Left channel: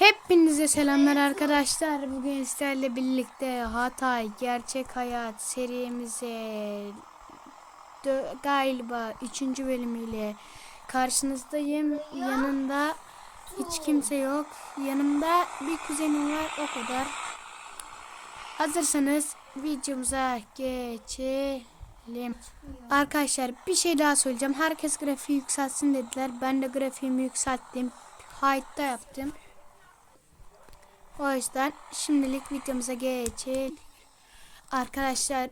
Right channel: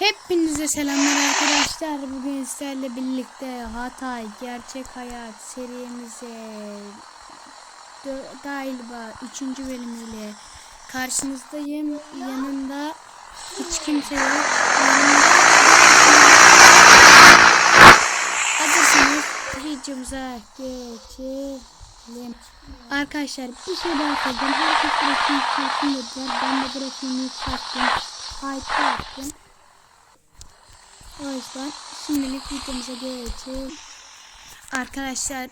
Hepinize selamlar arkadaşlar. Bugün sizlerle birlikte Hatay Gerçek Hayat serimize galiba 3. bölümüyle karşınızdayım. Yanında hiç kimse yok. Yanımda. Hazırsınız videomuza geçelim. Arkadaşlar bir şey daha söyleyeceğim. Herkes grafiği yükselsin dediler. Ben de grafiğimi yükselttim. High'da yaptım. O yüzden şimdilik videomuza geçelim. Arkadaşlar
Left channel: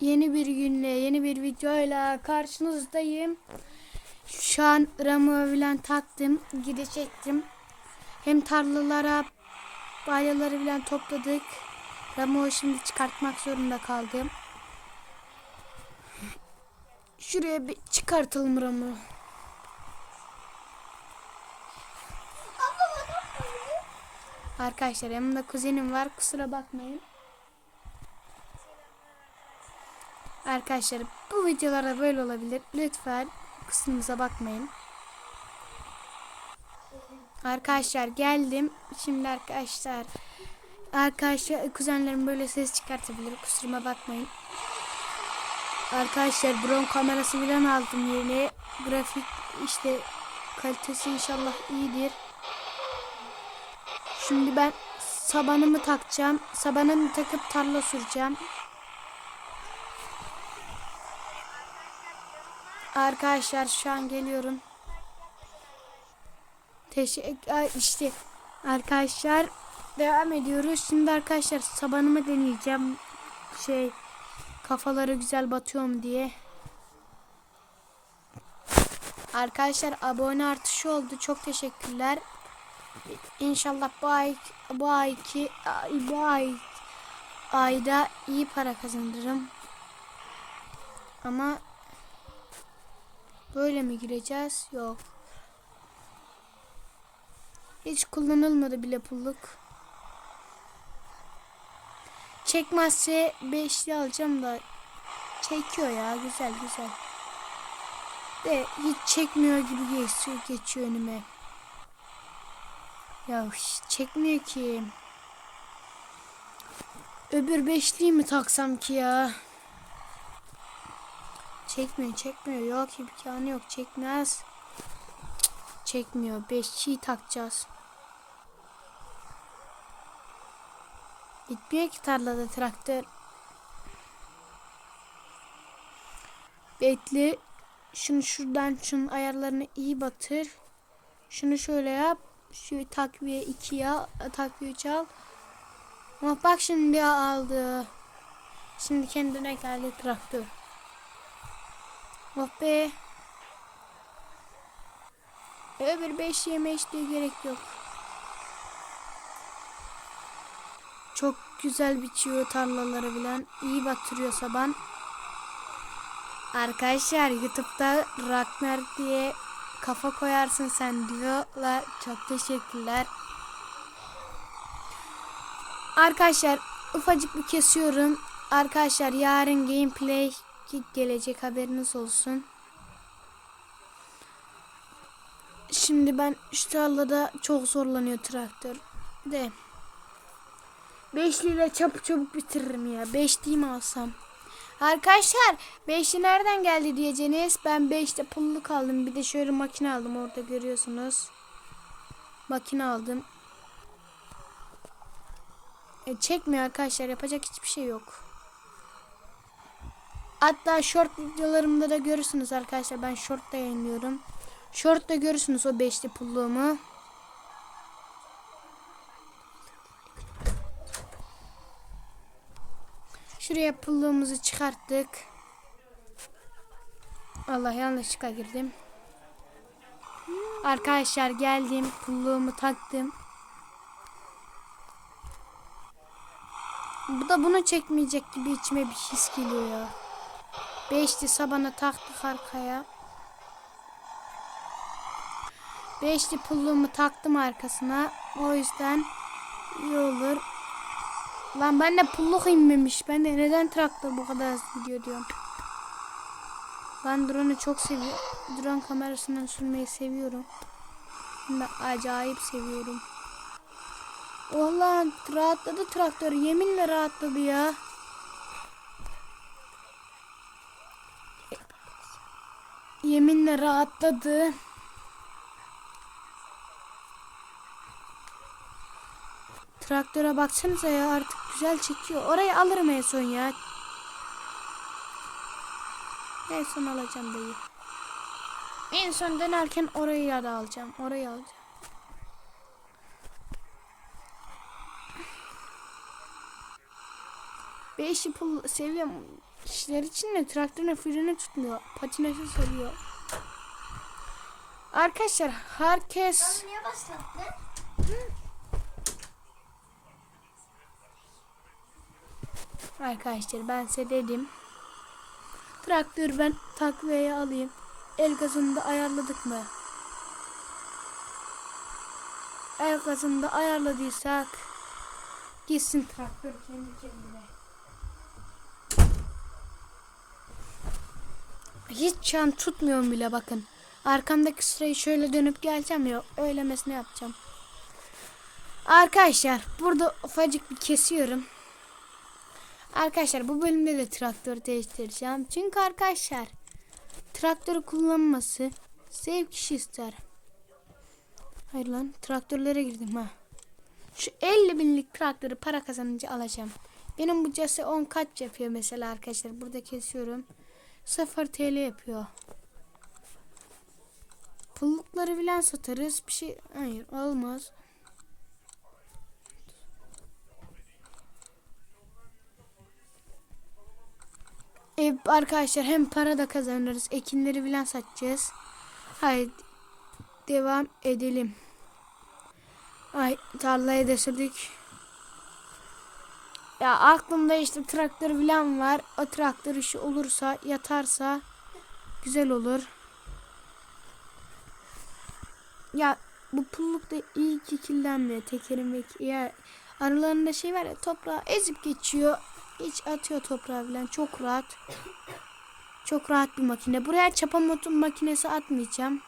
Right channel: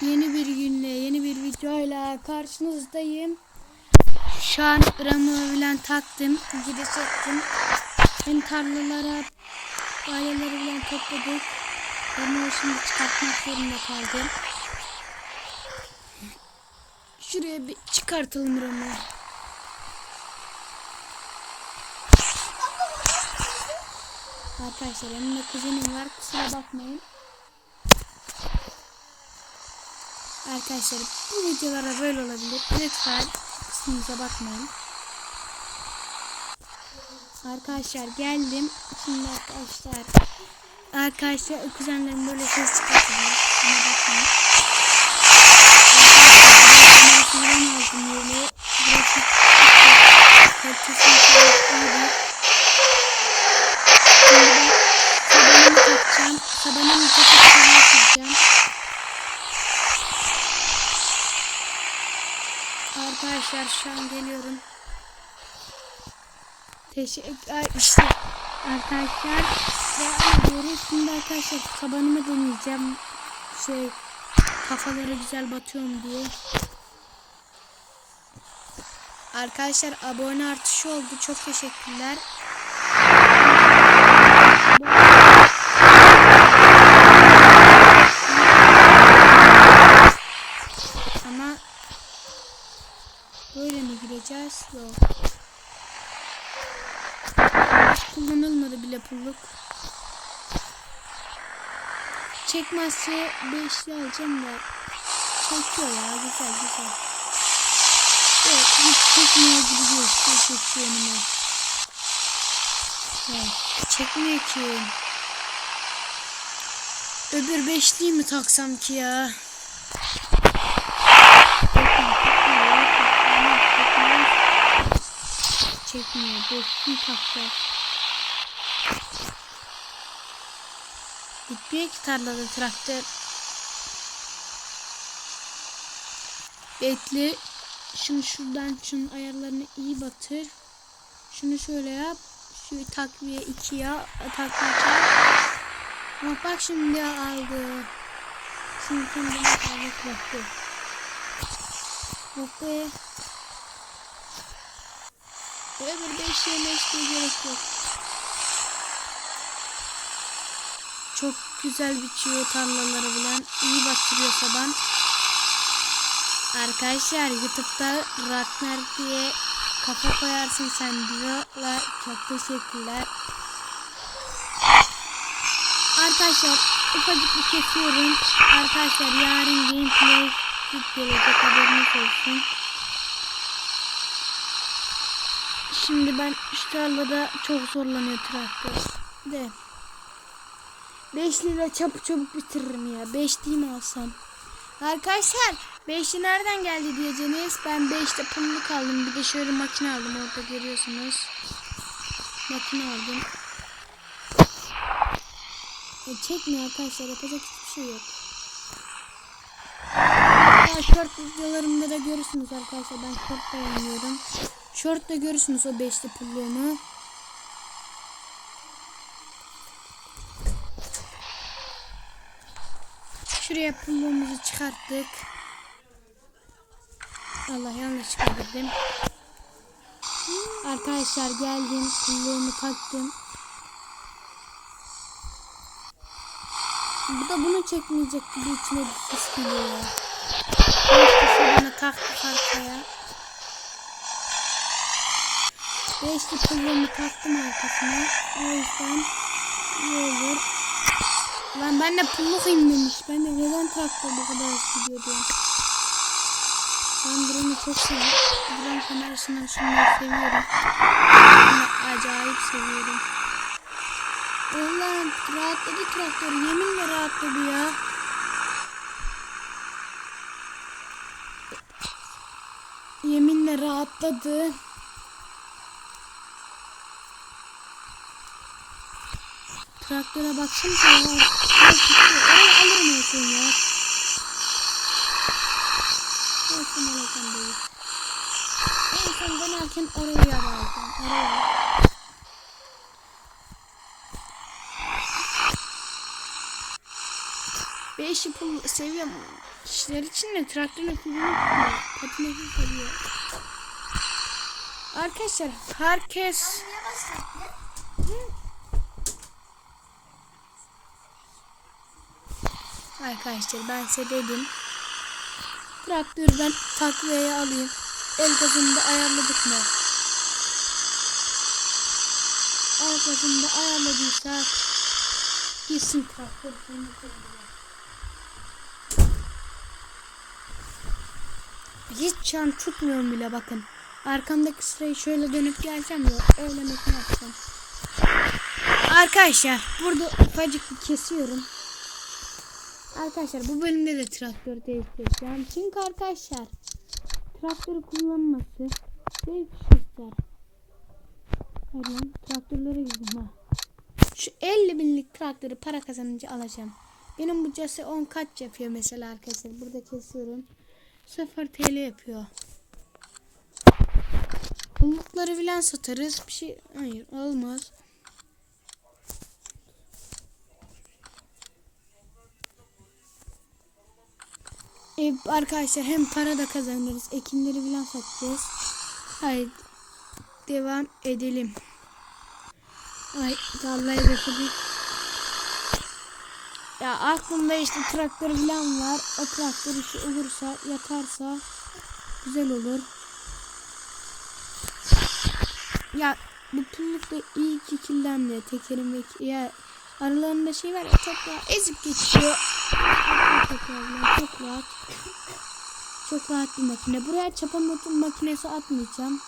yeni bir günle yeni bir videoyla karşınızdayım. Şu an ramı bilen taktım. Gidecektim. Hem tarlalara balyaları bilen topladık. Ramı şimdi çıkartmak zorunda kaldım. Şuraya bir çıkartalım ramı. Arkadaşlar yanımda kuzenim var kusura bakmayın. Arkadaşlar bu videolara böyle olabilir. Lütfen kusurumuza bakmayın. Arkadaşlar geldim. Şimdi arkadaşlar arkadaşlar kuzenlerim böyle ses çıkartabilir. Kusuruma bakmayın. Arkadaşlar buraya kamerası falan aldım yeni. Grafik işte kalitesi inşallah iyidir. Şimdi ben sabanımı takacağım. Sabanımı takıp süreceğim. Arkadaşlar şu an geliyorum. Teşekkür işte arkadaşlar devam ediyoruz. Şimdi arkadaşlar sabanımı deneyeceğim. Şey kafaları güzel batıyorum diye. Arkadaşlar abone artışı oldu. Çok teşekkürler. Ama böyle mi gireceğiz? Yok. Hiç kullanılmadı bile pulluk. Çekmezse beşli alacağım da çekiyor ya güzel güzel. Ve hiç çekmiyor gibi geçiyor, geçiyor önüme. Ya çekmiyor ki. Öbür beşliği mi taksam ki ya? Çekmiyor, çekmiyor. Yok, çekmez, çekmez. Çekmiyor. Beşliği takacağız. Bitmiyor ki tarlada traktör. Bekle. Şunu şuradan şunun ayarlarını iyi batır. Şunu şöyle yap. Şu takviye ikiye takviye çarp. Ama bak şimdi aldı. Şimdi kendine yeterli bıraktı. Oh be. Öbür beş yemeş diye gerek yok. Çok güzel biçiyor tarlaları bilen. İyi batırıyor saban. Arkadaşlar YouTube'da Ragnar diye kafa koyarsın sen diyorlar. Çok teşekkürler. Arkadaşlar ufacık bir kesiyorum. Arkadaşlar yarın gameplay gelecek haberiniz olsun. Şimdi ben şu tarlada çok zorlanıyor traktör. De. Beşliyle çabuk çabuk bitiririm ya. Beşliği mi alsam? Arkadaşlar beşli nereden geldi diyeceğiniz. Ben beşte pulluk aldım. Bir de şöyle makine aldım. Orada görüyorsunuz. Makine aldım. E, çekmiyor arkadaşlar. Yapacak hiçbir şey yok. Hatta short videolarımda da görürsünüz arkadaşlar. Ben short da yayınlıyorum. Short da görürsünüz o beşli pulluğumu. Şuraya pulluğumuzu çıkarttık. Allah yanlış çıkardım. Arkadaşlar geldim. Pulluğumu taktım. Bu da bunu çekmeyecek gibi içime bir his geliyor. Beşli sabana taktık arkaya. Beşli pulluğumu taktım arkasına. O yüzden iyi olur. Lan ben de pulluk inmemiş. Ben de neden traktör bu kadar hızlı gidiyor diyorum. Ben drone'u çok seviyorum. Drone kamerasından sürmeyi seviyorum. Bunu acayip seviyorum. Vallahi rahatladı traktör. Yeminle rahatladı ya. Yeminle rahatladı. Traktöre baksanıza ya. Yol çıktı. Orayı alırım en son ya. En son alacağım dayı. En son dönerken orayı ya da alacağım. Oraya al. Beş pul seviyorum. Kişiler için de traktörün freni tutmuyor. Patinajı seviyor. Arkadaşlar herkes Niye Arkadaşlar ben size dedim. Traktörü ben takviye alayım. El gazını da ayarladık mı? El gazını da ayarladıysak gitsin traktör kendi kendine. Hiç çan tutmuyorum bile bakın. Arkamdaki sırayı şöyle dönüp geleceğim ya. Öylemesine yapacağım. Arkadaşlar burada ufacık bir kesiyorum. Arkadaşlar bu bölümde de traktör değiştireceğim. Çünkü arkadaşlar traktörü kullanması zevk kişi ister. Hayır lan traktörlere girdim ha. Şu 50 binlik traktörü para kazanınca alacağım. Benim bu case 10 kaç yapıyor mesela arkadaşlar. Burada kesiyorum. 0 TL yapıyor. Pullukları filan satarız. Bir şey hayır olmaz. E, arkadaşlar hem para da kazanırız. Ekinleri filan satacağız. Haydi devam edelim. Ay tarlaya döşedik. Ya aklımda işte traktör filan var. O traktör işi olursa yatarsa güzel olur. Ya bu pulluk da iyi ki kilden tekerim ve ya aralarında şey var ya toprağı ezip geçiyor. Hiç atıyor toprağı falan çok rahat. Çok rahat bir makine. Buraya çapa motor makinesi atmayacağım.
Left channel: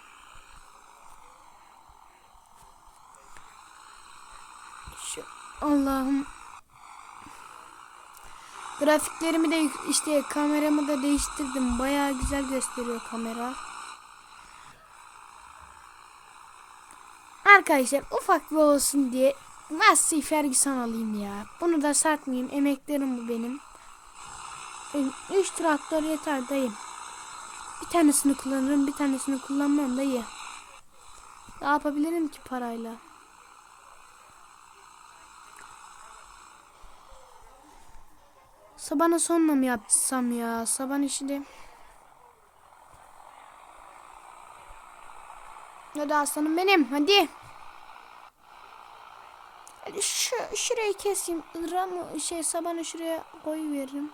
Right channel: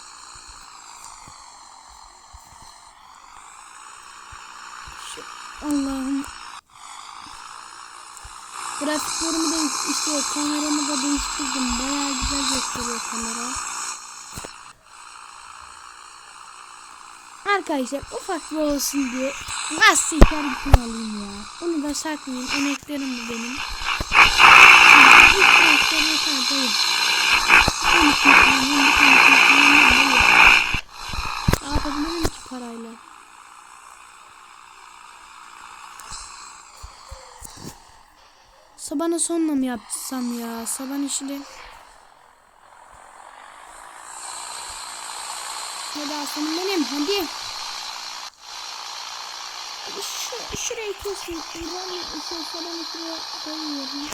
Şu Allah'ım. Grafiklerimi de işte kameramı da değiştirdim. Bayağı güzel gösteriyor kamera. Arkadaşlar ufak bir olsun diye Gazete Ferguson alayım ya. Bunu da saklayayım. Emeklerim bu benim. İlk traktör yeter dayı. Bir tanesini kullanıyorum. Bir tanesini kullanmam dayı. Ne yapabilirim ki parayla? Sabana sonla mı yapsam ya? Saban işi Hadi aslanım benim hadi. Şu, şurayı keseyim. İran şey sabanı şuraya koyuyorum.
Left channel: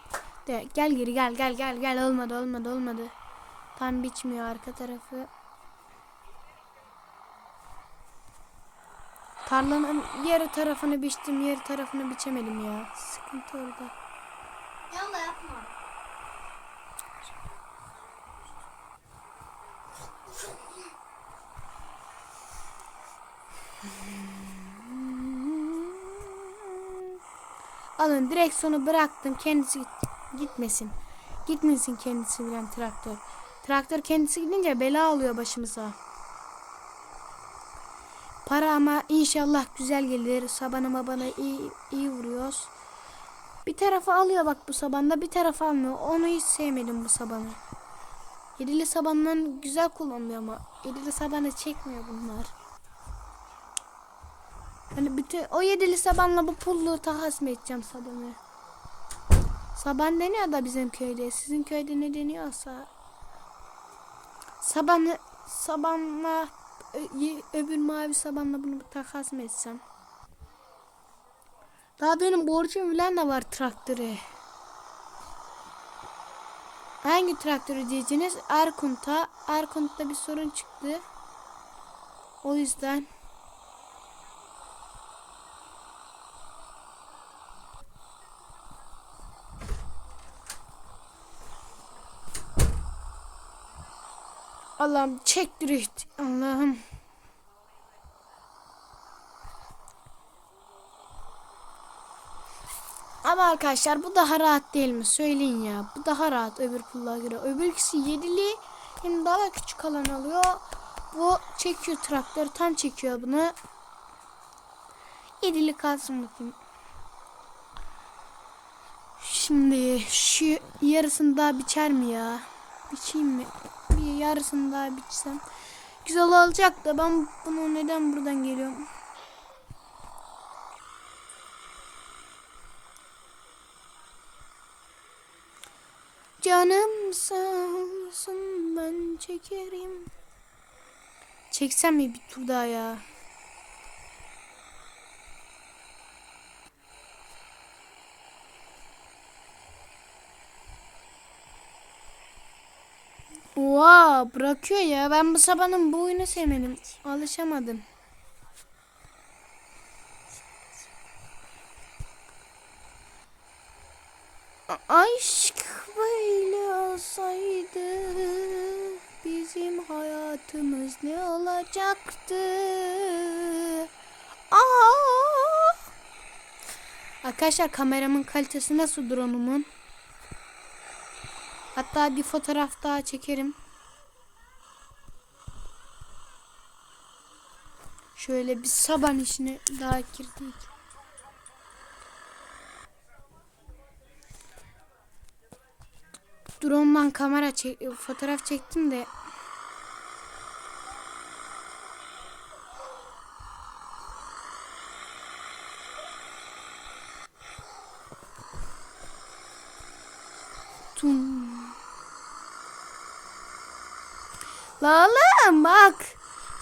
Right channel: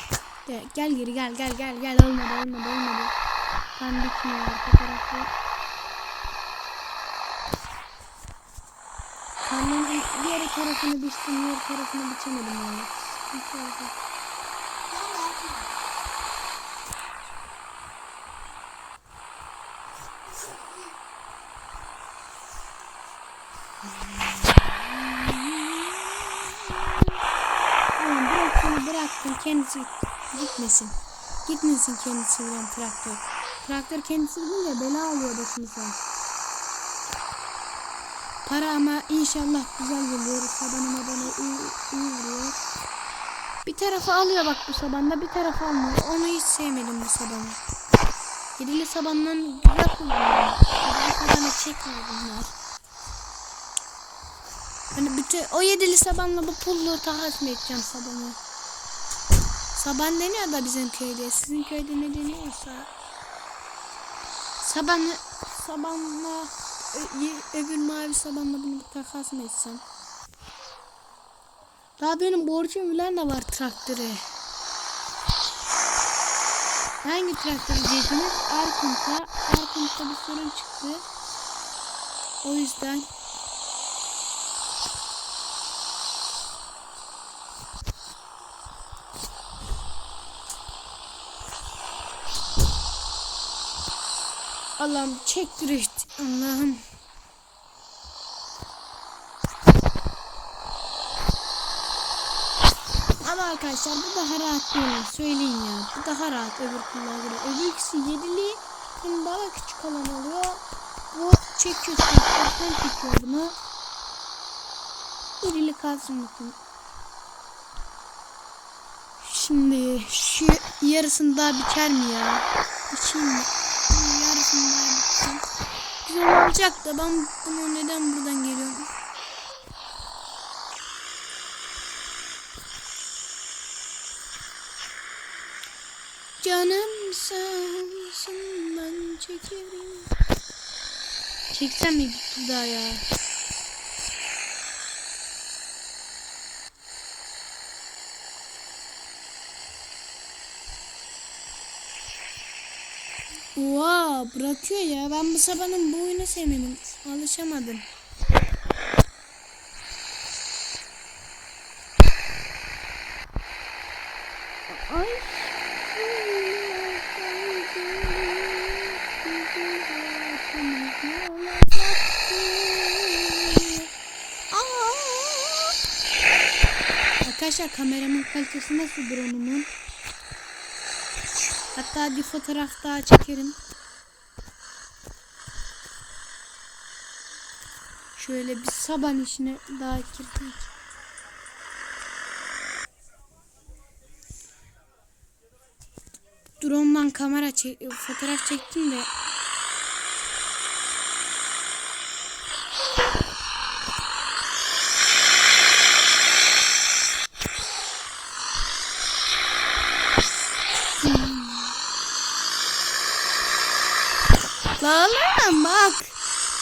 De, gel geri gel gel gel gel olmadı olmadı olmadı. Tam biçmiyor arka tarafı. Tarlanın diğer tarafını biçtim, diğer tarafını biçemedim ya. Sıkıntı oldu. Bıraktım kendisi git- gitmesin. Gitmesin kendisi giden traktör. Traktör kendisi gidince bela oluyor başımıza. Para ama inşallah güzel gelir. Sabanı mabanı iyi, iyi vuruyor. Bir tarafı alıyor bak bu sabanda bir tarafı almıyor. Onu hiç sevmedim bu sabanı. Yedili sabandan güzel kullanıyor. Yedili sabanı çekmiyor bunlar. Hani bütün o yedili sabanla bu pulluğu takas mı edeceğim sabanı? Saban deniyor da bizim köyde. Sizin köyde ne deniyorsa. Sabanı sabanla öbür mavi sabanla bunu takas mı etsem? Daha benim borcum bilen de var traktöre. Hangi traktörü diyeceksiniz? Erkunt'a. Erkunt'ta bir sorun çıktı. O yüzden Allah'ım çek drift. Allah'ım. Ama arkadaşlar bu daha rahat değil mi? Söyleyin ya. Bu daha rahat öbür kullara göre. Öbür ikisi yedili. Hem daha küçük alan alıyor. Bu çekiyor traktörden çekiyor bunu. Yedili kalsın bakayım. Şimdi şu yarısını daha biçer mi ya? Biçeyim mi? Yarısını daha bitsem. Güzel olacak da ben bunu neden buradan geliyorum? Canım sensin ben çekerim. Çeksem mi bir tur daha ya? Oha bırakıyor ya. Ben bu sabahın bu oyunu sevmedim. Alışamadım. A- Aşk böyle olsaydı bizim hayatımız ne olacaktı? Aa! Arkadaşlar kameramın kalitesi nasıl drone'umun? Hatta bir fotoğraf daha çekerim. Şöyle bir saban işine daha girdik. Drone'dan kamera çek fotoğraf çektim de La oğlum bak.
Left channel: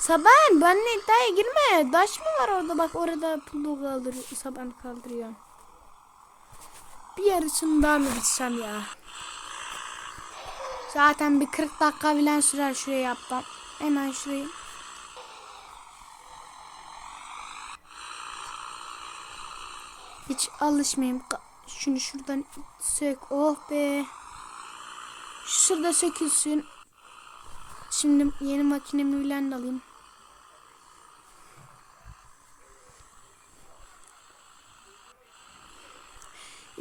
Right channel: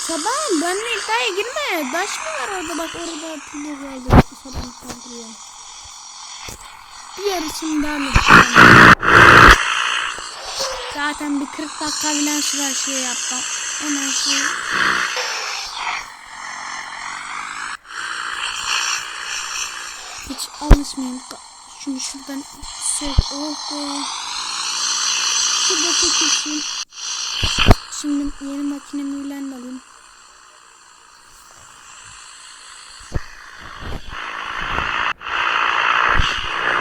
Saban benimle iddiaya girme. Taş mı var orada bak orada pulu kaldı. Saban kaldırıyor. Bir yarısını daha mı gitsem? Zaten bir 40 dakika bilen sürer şuraya yaptım. Hemen şuraya. Hiç alışmayayım. Şunu şuradan sök. Oh be. Şurada sökülsün. Şimdi yeni makinemi ülen alayım.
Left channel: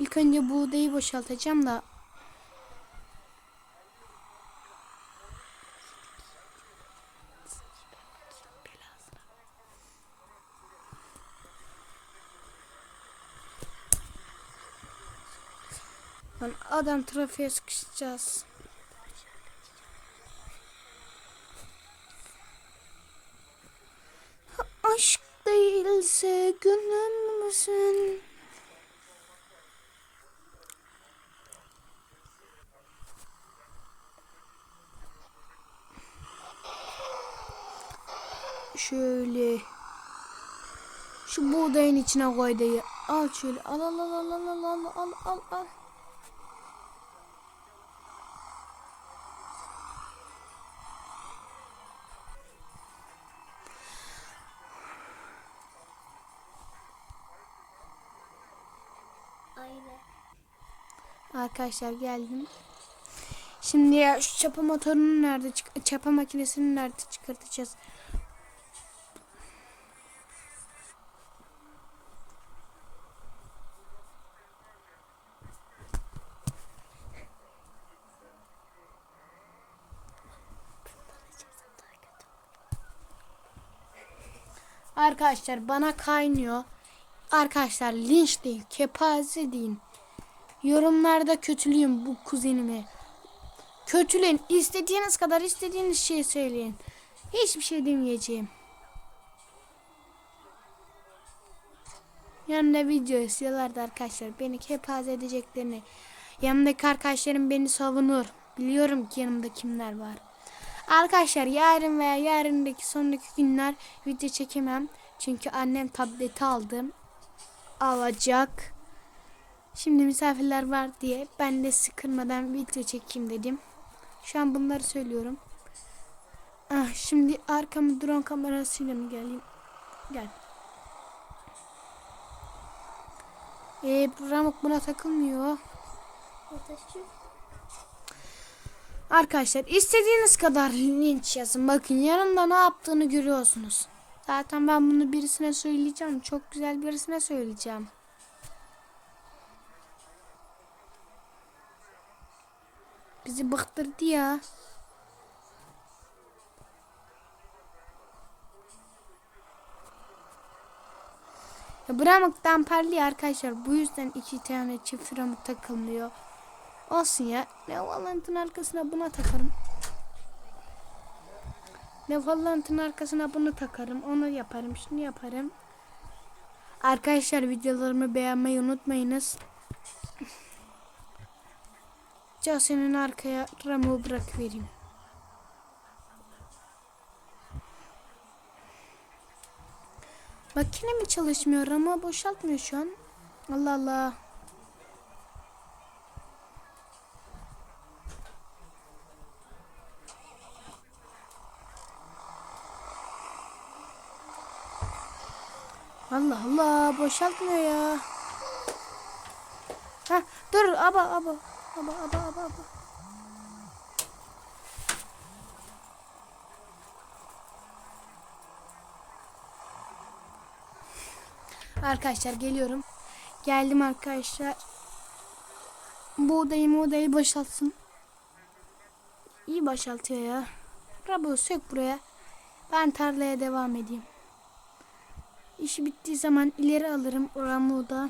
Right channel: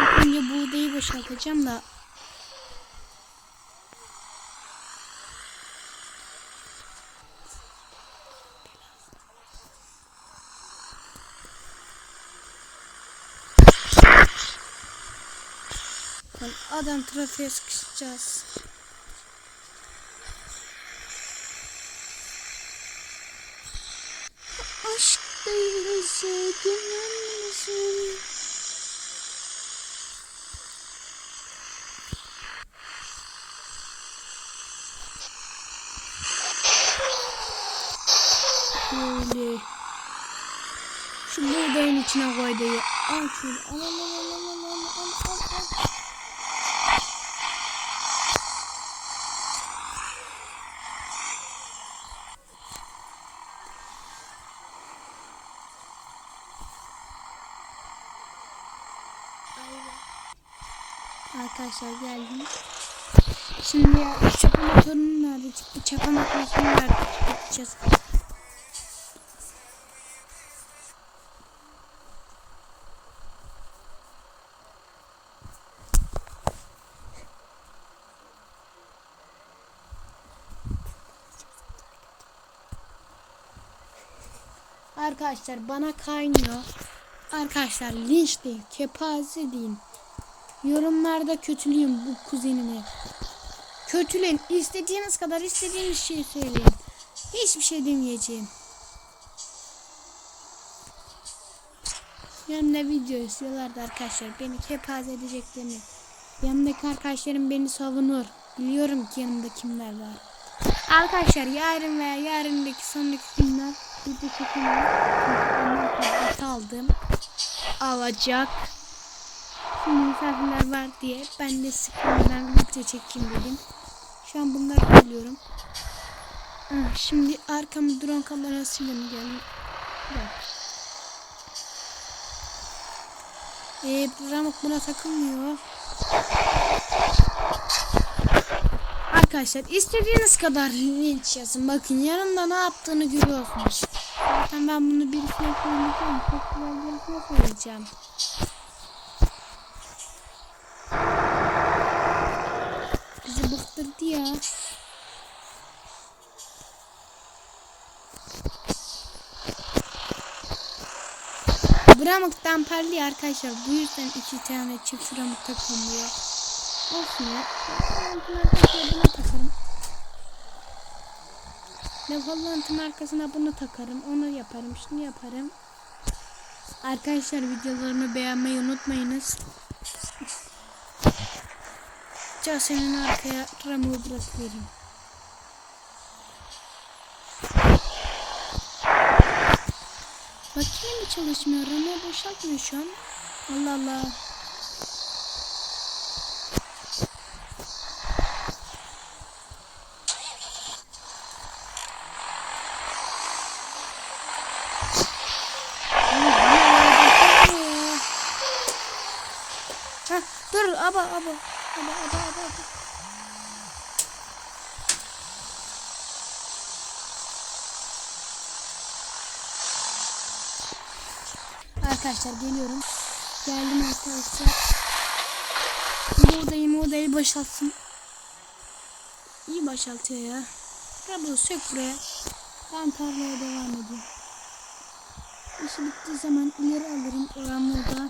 İlk önce buğdayı boşaltacağım da. Lan adam trafiğe sıkışacağız. Değilse gönül müsün? Şöyle. Şu buğdayın içine koy dayı. Al şöyle. Al al al al al al al al al al. Arkadaşlar geldim. Şimdi ya şu çapa motorunu nerede çık çapa makinesini nerede çıkartacağız? Arkadaşlar bana kaynıyor. Arkadaşlar linç değil, kepaze deyin. Yorumlarda kötülüyüm bu kuzenimi. Kötüleyin. istediğiniz kadar istediğiniz şeyi söyleyin. Hiçbir şey demeyeceğim. Yanımda video istiyorlardı arkadaşlar. Beni kepaze edeceklerini. Yanımdaki arkadaşlarım beni savunur. Biliyorum ki yanımda kimler var. Arkadaşlar yarın veya yarındaki sonraki günler video çekemem. Çünkü annem tableti aldım. Alacak. Şimdi misafirler var diye ben de sıkılmadan video çekeyim dedim. Şu an bunları söylüyorum. Ah, şimdi arkamı drone kamerasıyla mı geldim? Gel. Ee, bu ramuk buna takılmıyor. Arkadaşlar istediğiniz kadar linç yazın. Bakın yanında ne yaptığını görüyorsunuz. Zaten ben bunu birisine söyleyeceğim. Çok güzel birisine söyleyeceğim. Bizi bıktırdı ya. Bramık'tan parlıyor arkadaşlar. Bu yüzden iki tane çift Bramık takılmıyor. Olsun ya. Valorant'ın arkasına bunu takarım. Ne Valorant'ın arkasına bunu takarım. Onu yaparım. Şunu yaparım. Arkadaşlar videolarımı beğenmeyi unutmayınız. Case'nin arkaya Ram'ı bırakıvereyim. Makine mi çalışmıyor? Ram'ı boşaltmıyor şu an. Allah Allah. Abi bu ya boşaltmıyor ya. Hah dur aba aba. Aba aba aba. Arkadaşlar geliyorum. Geldim arkadaşlar. Bu odayı bu odayı boşaltsın. İyi boşaltıyor ya. Rablo sök buraya. Ben tarlaya devam edeyim. İşi bittiği zaman ileri alırım Ramo'da.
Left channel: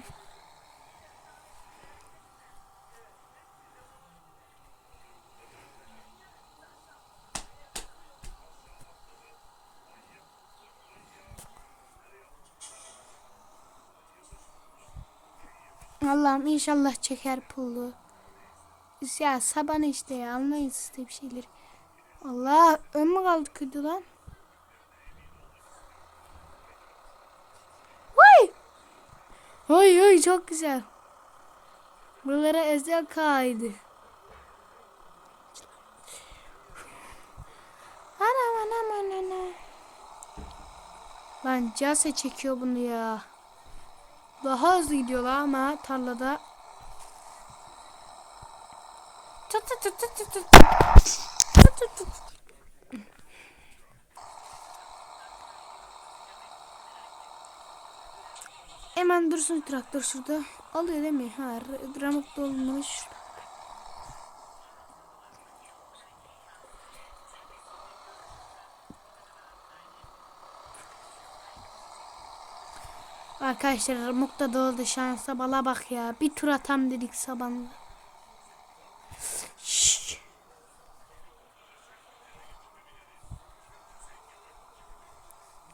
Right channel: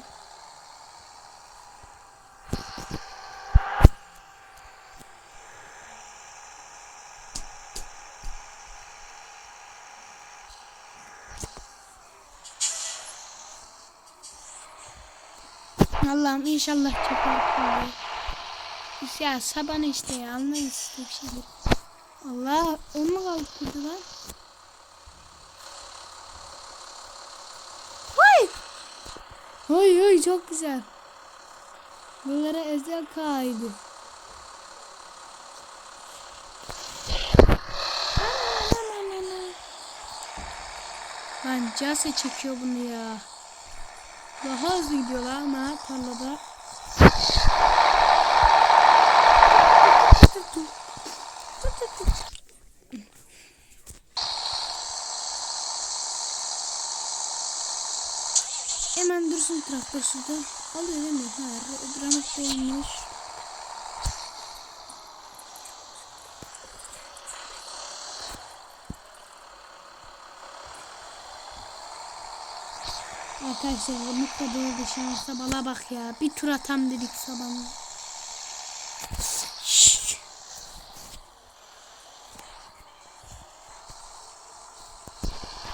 Allah'ım inşallah çeker kolu. Ya saban işte ya anlayın işte bir şeyler. Allah ön mü kaldı kırdı lan? Vay! Hay hay çok güzel. Buralara özel kaydı. Lan Case çekiyor bunu ya. Daha hızlı gidiyorlar ama tarlada. Hemen dursun traktör şurada. Alıyor değil mi? Ha, dramik dolmuş. Arkadaşlar Ramuk da doğru şansa bala bak ya. Bir tur atam dedik sabahla. Şşş.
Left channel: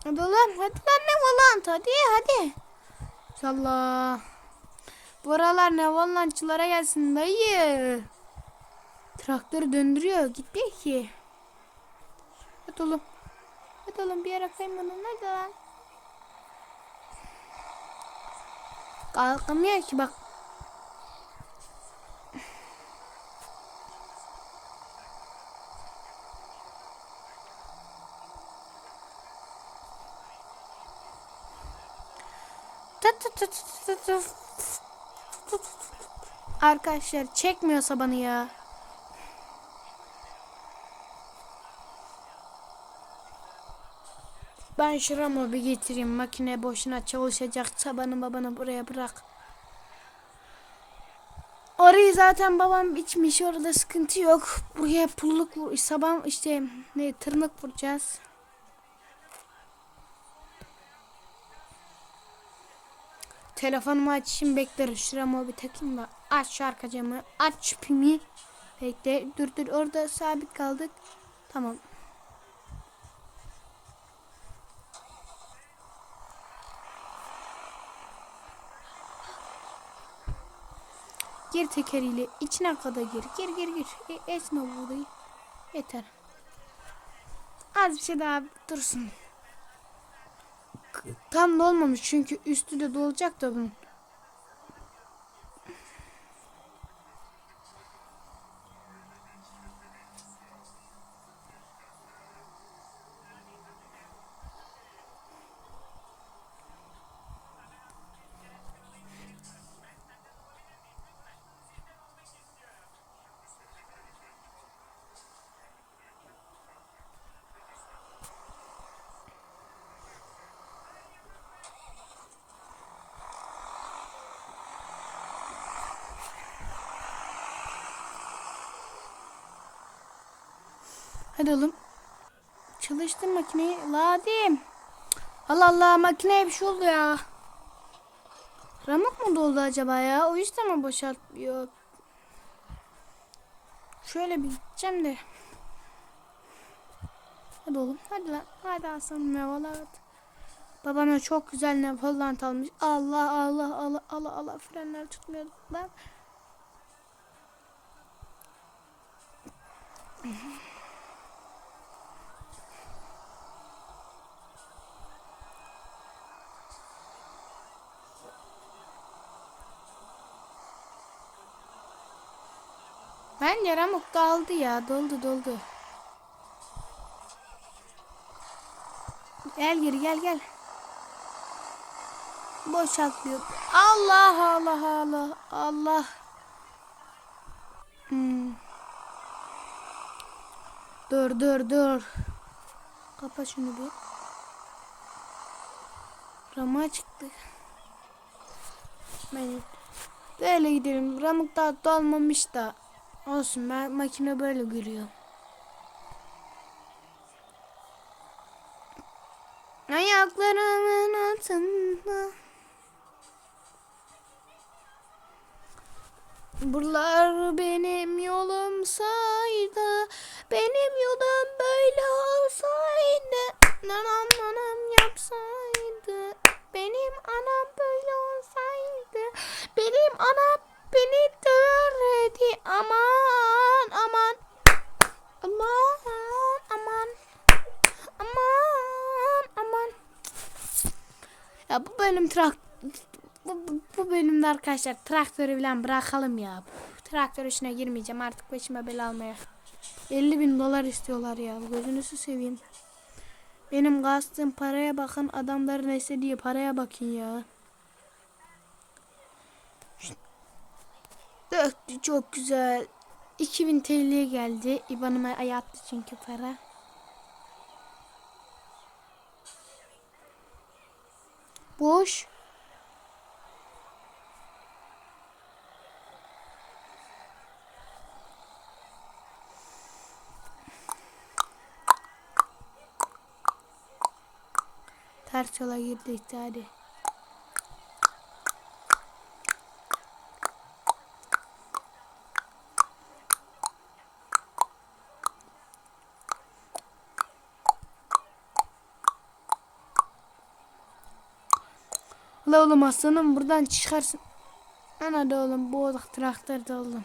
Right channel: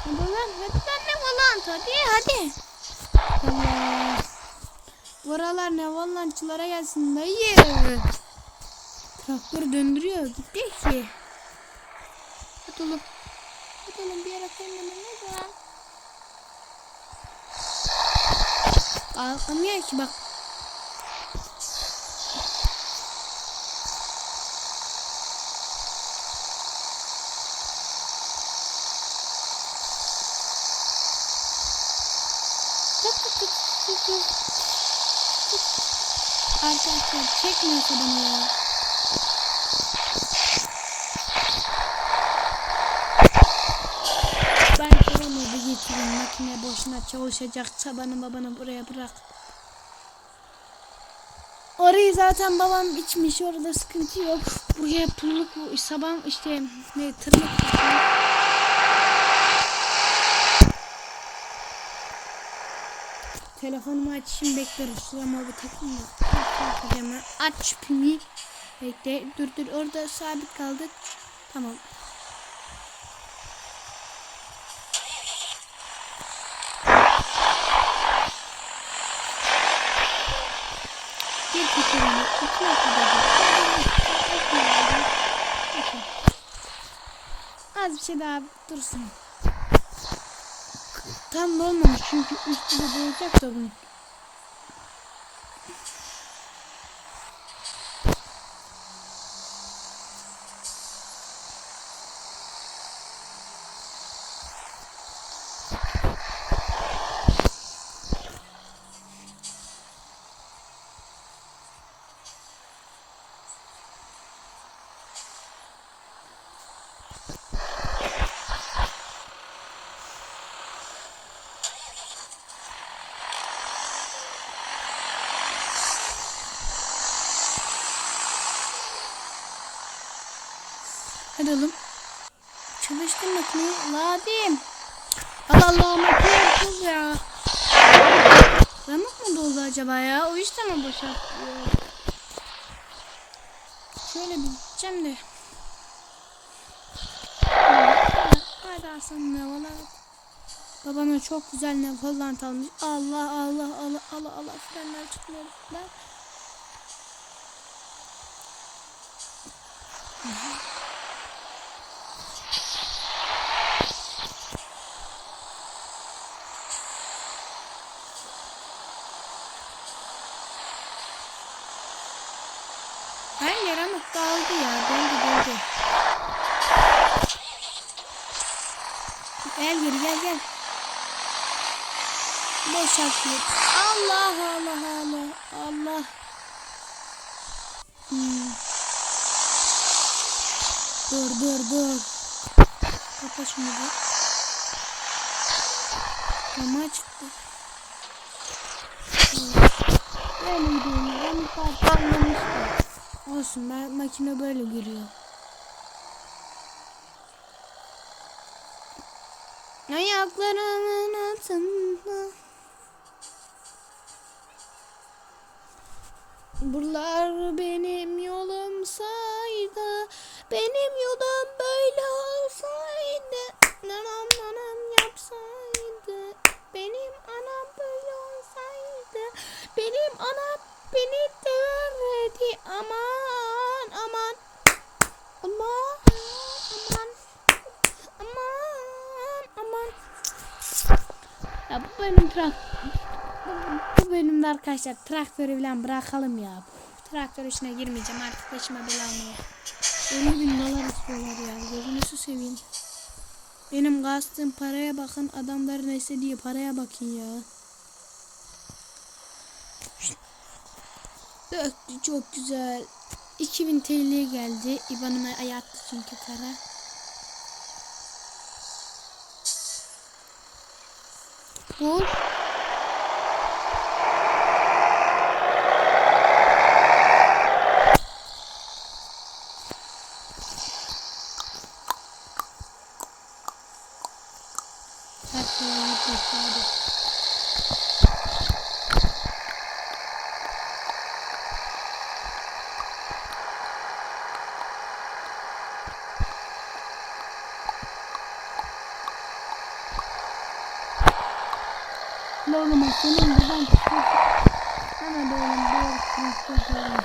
Hadi lan ne volant hadi hadi. Allah. Buralar ne volantçılara gelsin dayı. Traktör döndürüyor gitti ki. Hadi oğlum. Hadi oğlum bir yere kaymadın hadi lan. Kalkamıyor ki bak. Arkadaşlar çekmiyorsa bana ya. Ben şuramı bir getireyim. Makine boşuna çalışacak. Tabanı babanı buraya bırak. Orayı zaten babam içmiş. Orada sıkıntı yok. Buraya pulluk bu. Sabah işte ne tırmık kuracağız. Telefonumu açayım beklerim. Şuramı bir takayım mı? Aç şarkıcımı. Aç pimi. Bekle. Dur dur orada sabit kaldık. Tamam. Bir tekerimi içine kadar. Yeter. Az bir şey daha dursun. Tam da olmamış çünkü üstü de dolacak da bunun. Oğlum. Çalıştır makineyi. Ladim. Allah Allah makine full ya. Ramuk mu doldu acaba ya? O yüzden mi boşaltıyor? Şöyle bir gideceğim de. Hadi, Hasan ne var? Babana çok güzel ne falan almış. Allah Allah Allah Allah Allah frenler tutmuyor. Bak. Her yere mutlu aldı ya. Döndü döndü. Gel geri gel gel. Boşalt git. Allah Allah Allah Allah. Hmm. Dur dur dur. Kapa şunu bir. Cama çıktı. Evet. Böyle gidelim. Ramuk daha kalmamış da. Olsun ben makine böyle görüyor. Ayaklarımın altında. Buralar benim yolumsaydı, benim yolum böyle olsaydı, nanam nanam yapsaydı, benim anam böyle olsaydı, benim anam beni döverdi, aman Ya bu benim trak bu, bu bölümde arkadaşlar traktörü falan bırakalım ya. Traktör işine girmeyeceğim artık başıma bela almaya. 50 bin dolar istiyorlar ya. Gözünüzü seveyim. Benim kastığım paraya bakın. Adamların istediği paraya bakın ya. Döktü çok güzel. 2000 TL geldi. İbanıma ayattı çünkü para. Yola gittik hadi. La oğlum aslanım buradan çıkarsın. Lan hadi oğlum bu traktör de oğlum.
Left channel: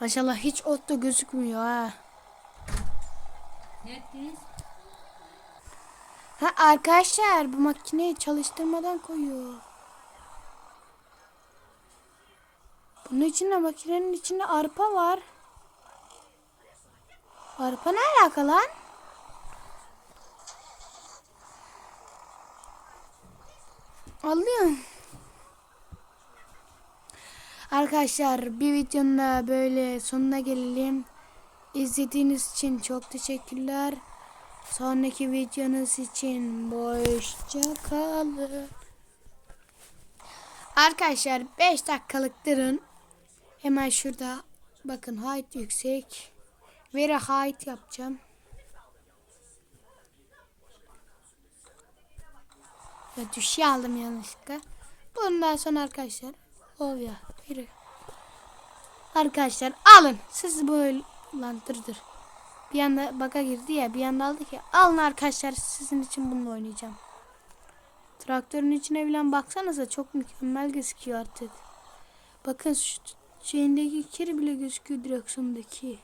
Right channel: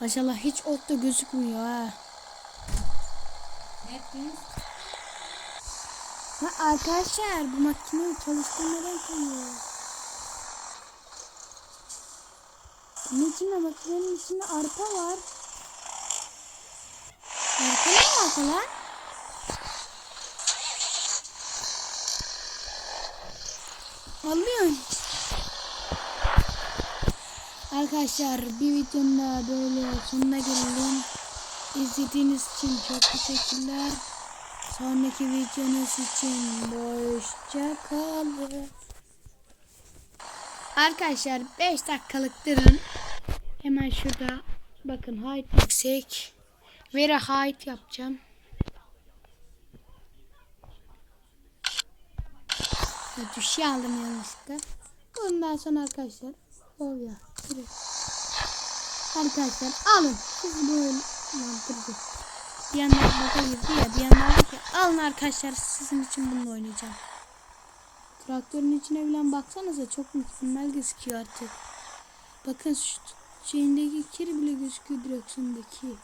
Maşallah hiç ot da gözükmüyor ha. Ha arkadaşlar bu makineyi çalıştırmadan koyuyor. Bunun içinde makinenin içinde arpa var. Arpa ne alaka lan? Anlıyorum. Arkadaşlar bir videonun da böyle sonuna gelelim. İzlediğiniz için çok teşekkürler. Sonraki videonuz için hoşça kalın. Arkadaşlar 5 dakikalık durun. Hemen şurada bakın height yüksek. Very height yapacağım. Ya düşü aldım yanlışlıkla. Bundan sonra arkadaşlar. Oh ya. Yürü. Arkadaşlar alın. Siz böyle lan dur dur. Bir yanda baka girdi ya bir yanda aldık ya. Alın arkadaşlar sizin için bununla oynayacağım. Traktörün içine bilen baksanıza çok mükemmel gözüküyor artık. Bakın şu şeyindeki kiri bile gözüküyor direksiyondaki.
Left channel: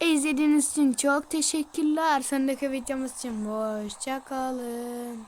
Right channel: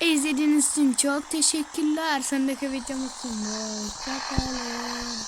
İzlediğiniz için çok teşekkürler. Sonraki videomuz için hoşçakalın.